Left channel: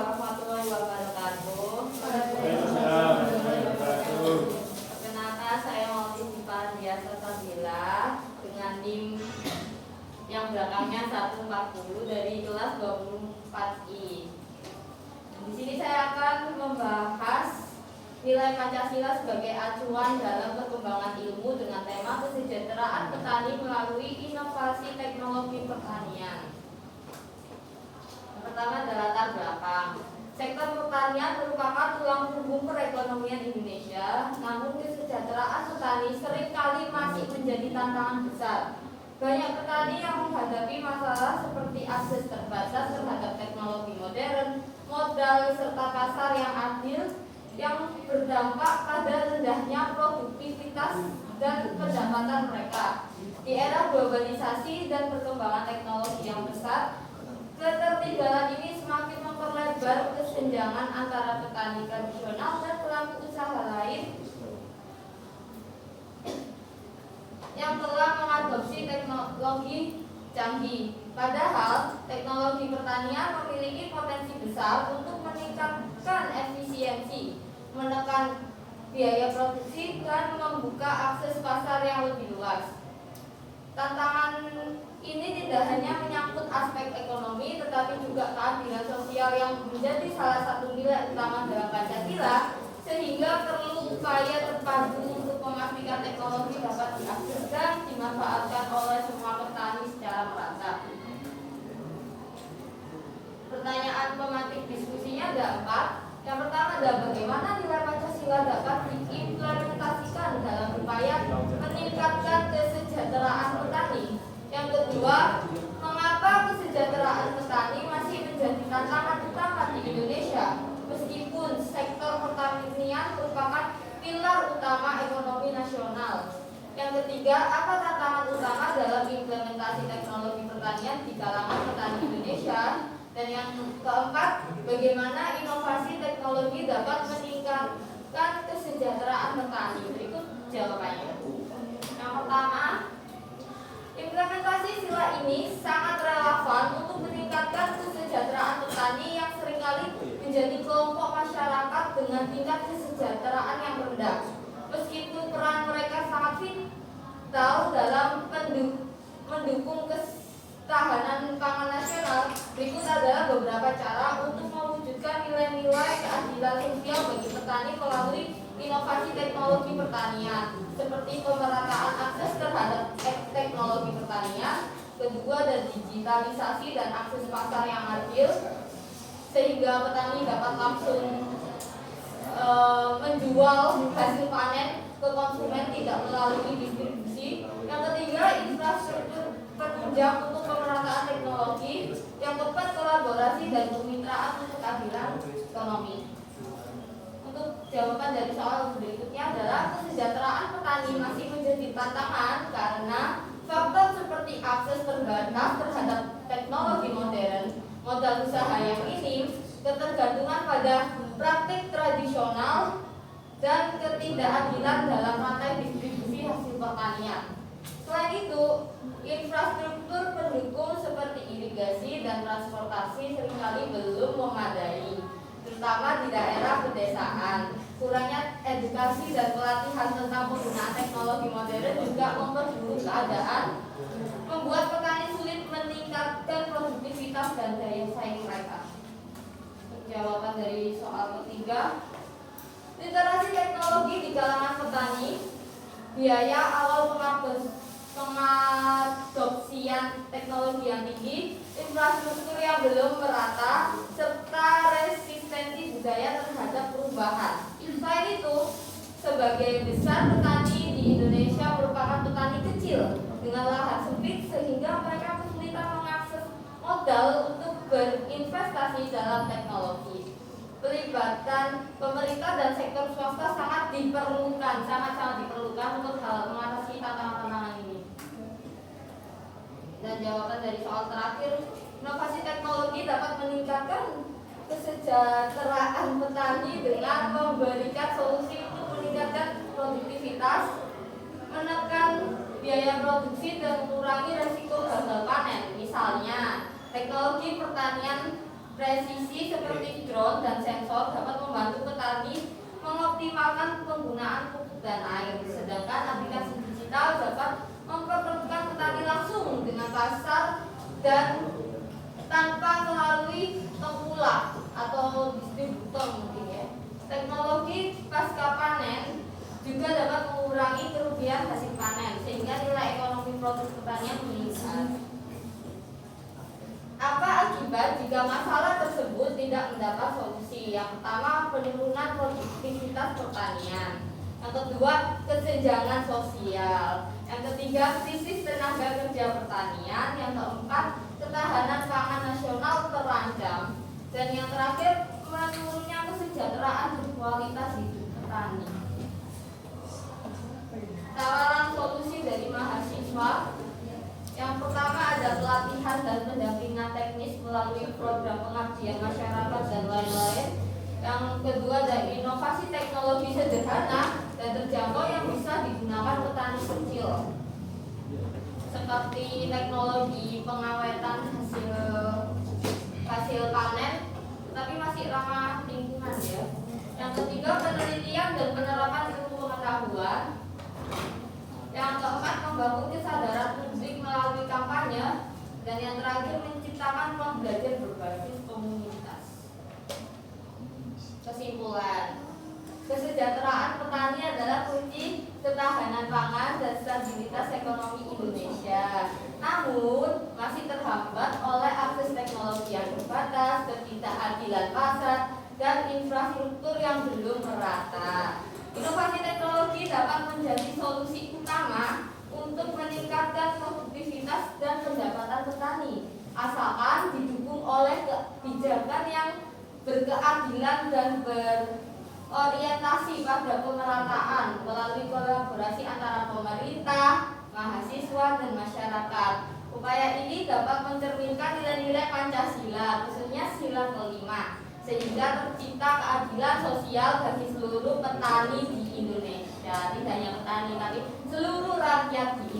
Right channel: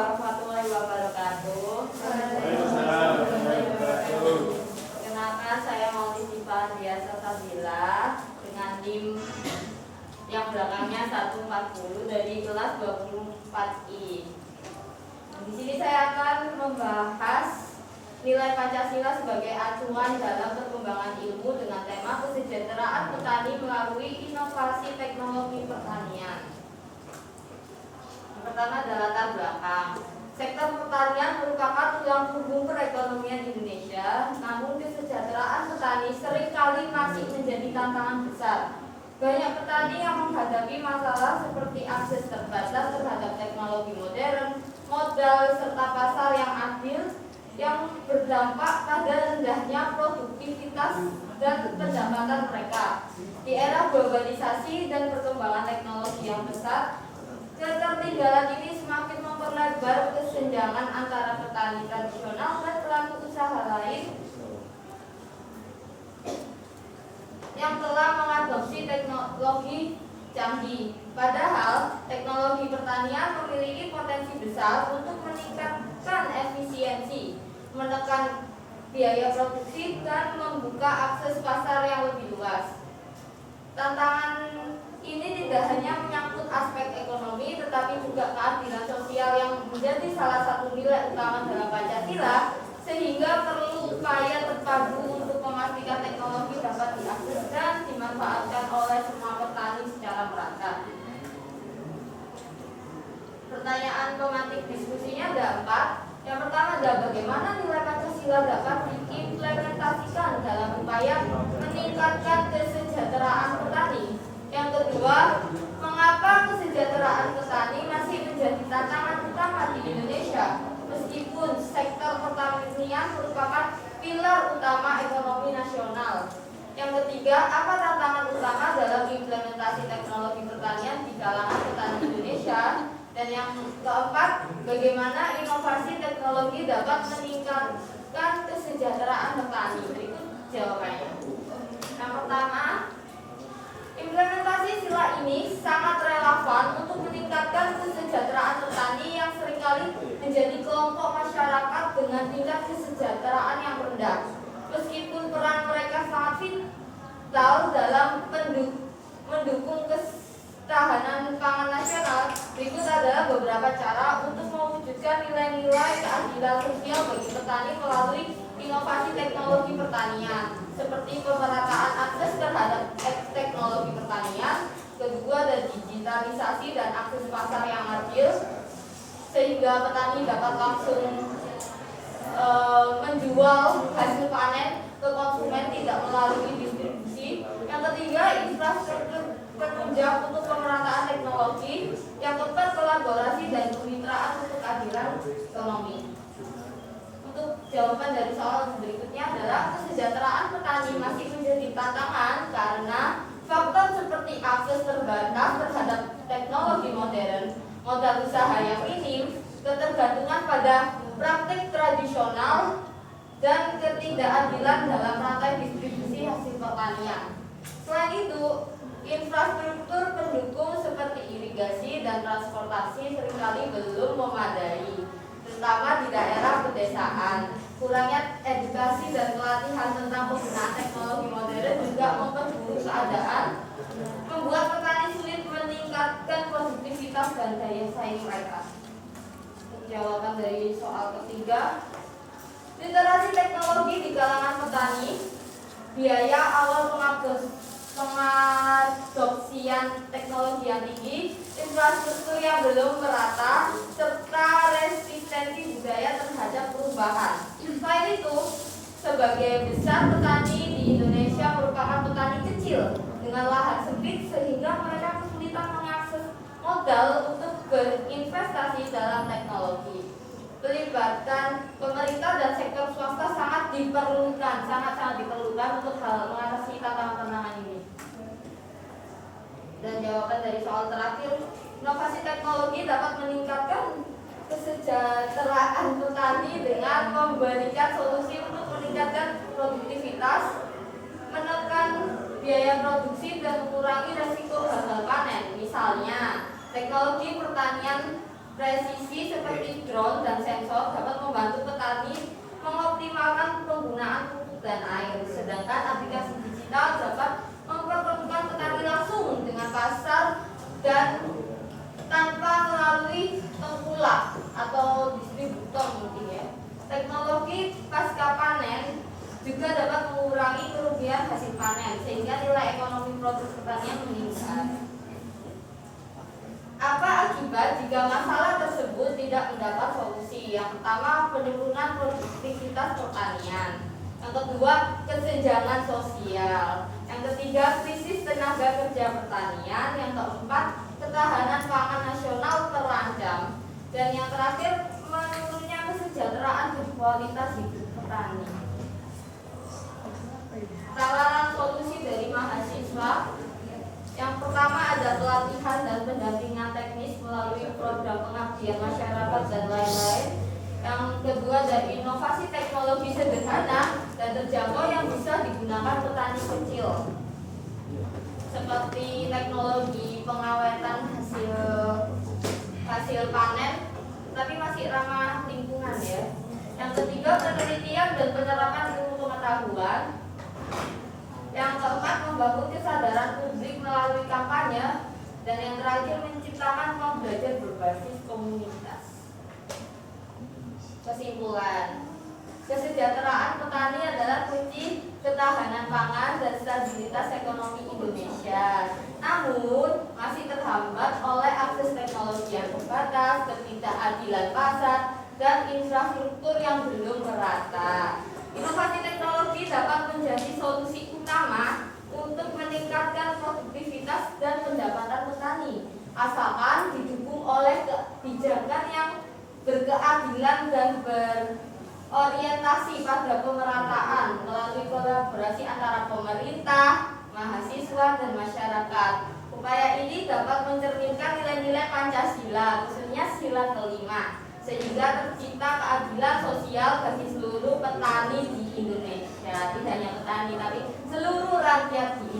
warahmatullahi wabarakatuh. Waalaikumsalam warahmatullahi wabarakatuh. Perkenalkan, saya Maulidifah Andriasa Sabila dengan NIM yang belakangnya 140 dari kelas 24I. Di sini saya akan membahas nilai Pancasila sebagai acuan dalam perkembangan ilmu dengan tema kesejahteraan petani melalui inovasi teknologi pertanian. Yang pertama adalah latar belakang. Sektor pertanian merupakan tulang punggung perekonomian Indonesia, namun kesejahteraan petani seringkali masih menjadi tantangan besar. Banyak petani yang menghadapi masalah seperti akses terbatas terhadap teknologi modern, modal, serta pasar yang adil yang berdampak pada rendahnya produktivitas dan pendapatan mereka. Di era globalisasi dan perkembangan teknologi yang pesat, ketertinggalan ini semakin memperlebar kesenjangan antara petani tradisional dan pelaku usaha lain yang telah mengadopsi teknologi canggih. Padahal teknologi pertanian memiliki potensi besar untuk meningkatkan efisiensi, menekan biaya produksi, dan membuka akses pasar yang lebih luas. Tantangan ini tidak hanya menyangkut aspek ekonomi, tetapi juga keadilan sosial yang menjadi salah satu nilai utama dalam Pancasila, sehingga perlu upaya terpadu untuk memastikan teknologi dapat diakses dan dimanfaatkan oleh semua petani secara merata. Pertanyaan pematik diskusinya ada 4. Yang pertama adalah bagaimana nilai Pancasila dapat diimplementasikan dalam upaya meningkatkan kesejahteraan petani. Yang kedua, mengapa kesejahteraan petani masih menjadi tantangan utama di Indonesia meskipun sektor pertanian merupakan pilar utama ekonomi nasional. Yang ketiga, apa tantangan utama dalam implementasi teknologi pertanian di kalangan petani Indonesia? Dan yang keempat, bagaimana inovasi teknologi dapat meningkatkan kesejahteraan petani? Berikut jawabannya. Yang pertama, implementasi sila ini sangat relevan untuk meningkatkan kesejahteraan petani yang seringkali menjadi kelompok masyarakat dengan tingkat kesejahteraan yang rendah. Meskipun peran mereka sangat vital dalam mendukung ketahanan pangan nasional, berikut adalah beberapa cara untuk mewujudkan nilai-nilai keadilan sosial bagi petani melalui inovasi teknologi pertanian, seperti pemerataan akses terhadap teknologi pertanian. Kedua, ada digitalisasi dan akses pasar yang adil, sehingga petani dapat langsung menjual hasil panen ke konsumen, tidak melalui distribusi. Yang ketiga, infrastruktur penunjang untuk pemerataan teknologi. Yang keempat, kolaborasi dan kemitraan untuk keadilan ekonomi. Untuk jawaban dari soal berikutnya adalah kesejahteraan petani masih menjadi tantangan karena faktor seperti akses terbatas terhadap teknologi modern, modal usaha yang minim, ketergantungan pada praktik tradisional, dan ketidakadilan dalam rantai distribusi hasil pertanian. Selain itu, infrastruktur pendukung seperti irigasi dan transportasi seringkali belum memadai, terutama di daerah pedesaan. Kurangnya edukasi dan pelatihan tentang penggunaan teknologi modern juga memperburuk keadaan, membuat petani sulit meningkatkan produktivitas dan daya saing mereka. Jawaban dari soal ketiga, literasi teknologi di kalangan petani, biaya awal pengadopsian teknologi yang tinggi, infrastruktur yang belum merata, serta resistensi budaya terhadap perubahan. Selain itu, sebagai besar petani di Indonesia merupakan petani kecil dengan lahan sempit, sehingga mereka kesulitan mengakses modal untuk berinvestasi dalam teknologi. Pelibatan pemerintah dan sektor swasta sangat diperlukan untuk mengatasi tantangan-tantangan ini. Dan jawaban dari soal terakhir, inovasi teknologi dapat meningkatkan kesejahteraan petani dengan memberikan solusi untuk meningkatkan produktivitas, menekan biaya produksi, dan mengurangi resiko gagal panen. Misalnya, teknologi pertanian presisi seperti drone dan sensor dapat membantu petani mengoptimalkan penggunaan pupuk dan air, sedangkan aplikasi digital dapat mempertemukan petani langsung dengan pasar dan tanpa melalui tengkulak atau distributor mungkin ya. Teknologi pasca panen juga dapat mengurangi kerugian hasil panen sehingga nilai ekonomi produk pertanian meningkat. Apa akibat jika masalah tersebut tidak mendapat solusi? Yang pertama, penurunan produktivitas pertanian. Yang kedua, kesenjangan sosial. Yang ketiga, krisis tenaga kerja pertanian. Yang keempat, ketahanan pangan nasional terancam. Dan yang terakhir, menurunnya kesejahteraan dan kualitas hidup petani. Tawaran solusi dari mahasiswa. Yang pertama ada pelatihan dan pendampingan teknis melalui program pengabdian masyarakat dan lain-lain. Yang kedua ada inovasi teknologi sederhana dan terjangkau yang bisa digunakan petani kecil, seperti teknologi pengawetan hasil panen, tapi masih ramah lingkungan ya. Yang ketiga penelitian dan penerapan ilmu pengetahuan. Yang keempat membangun kesadaran publik melalui kampanye. Dan yang terakhir menciptakan ruang belajar berbasis komunitas. Kesimpulan, kesejahteraan petani adalah kunci ketahanan pangan dan stabilitas ekonomi Indonesia. Namun masih terhambat oleh akses teknologi yang terbatas, ketidakadilan pasar, dan infrastruktur yang belum merata. Inovasi teknologi dapat menjadi solusi utama untuk meningkatkan produktivitas dan pendapatan petani, asalkan didukung oleh kebijakan yang berkeadilan dan berorientasi pada pemerataan melalui kolaborasi antara pemerintah, mahasiswa, dan masyarakat. Upaya ini dapat mencerminkan nilai-nilai Pancasila, khususnya sila kelima, sehingga tercipta keadilan sosial bagi seluruh petani di Indonesia. Tidak hanya petani, tapi seluruh rakyat di